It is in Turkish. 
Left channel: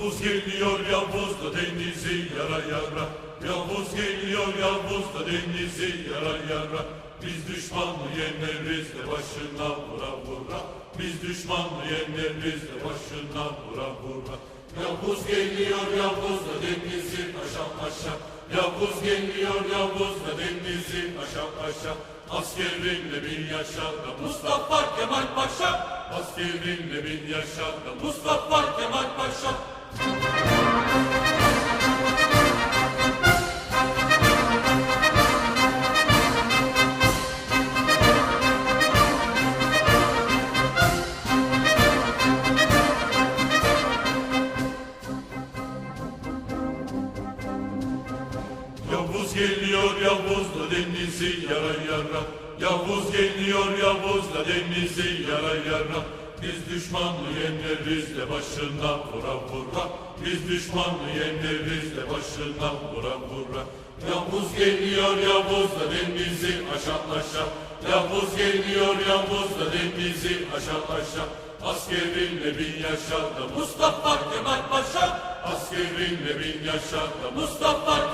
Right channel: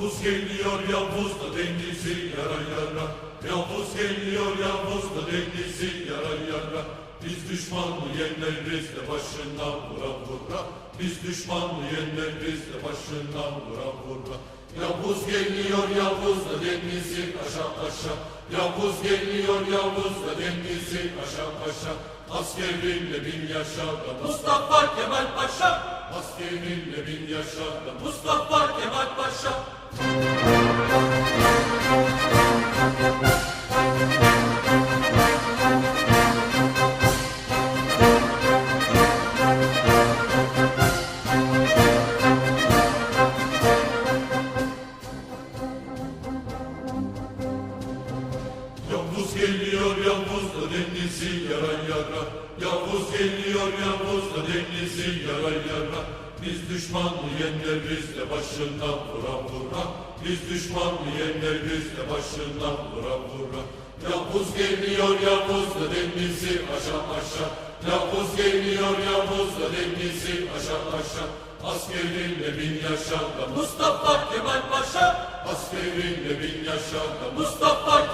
Yavuz geliyor Yavuz da denizi yara yara Yavuz geliyor Yavuz da denizi yara yara Biz düşmanı yeneriz de başına vura vura. Biz düşmanı yeneriz de başına vura vura. Yavuz geliyor Yavuz da denizi aşağı aşağı. Yavuz geliyor Yavuz da denizi aşağı aşağı. Askerinle bin yaşa da Mustafa Kemal Paşa. Askerinle bin yaşa da Mustafa Yavuz geliyor Yavuz da denizi yara yara. Yavuz geliyor Yavuz da denizi yara yara. Biz düşmanı yeneriz de başına vura vura Biz düşmanı yeneriz de başına vura vura Yavuz geliyor Yavuz da denizi aşağı aşağı. Yavuz geliyor Yavuz da denizi aşağı aşağı. Askerinle bin yaşa da Mustafa Kemal Paşa. Askerinle bin yaşa da Mustafa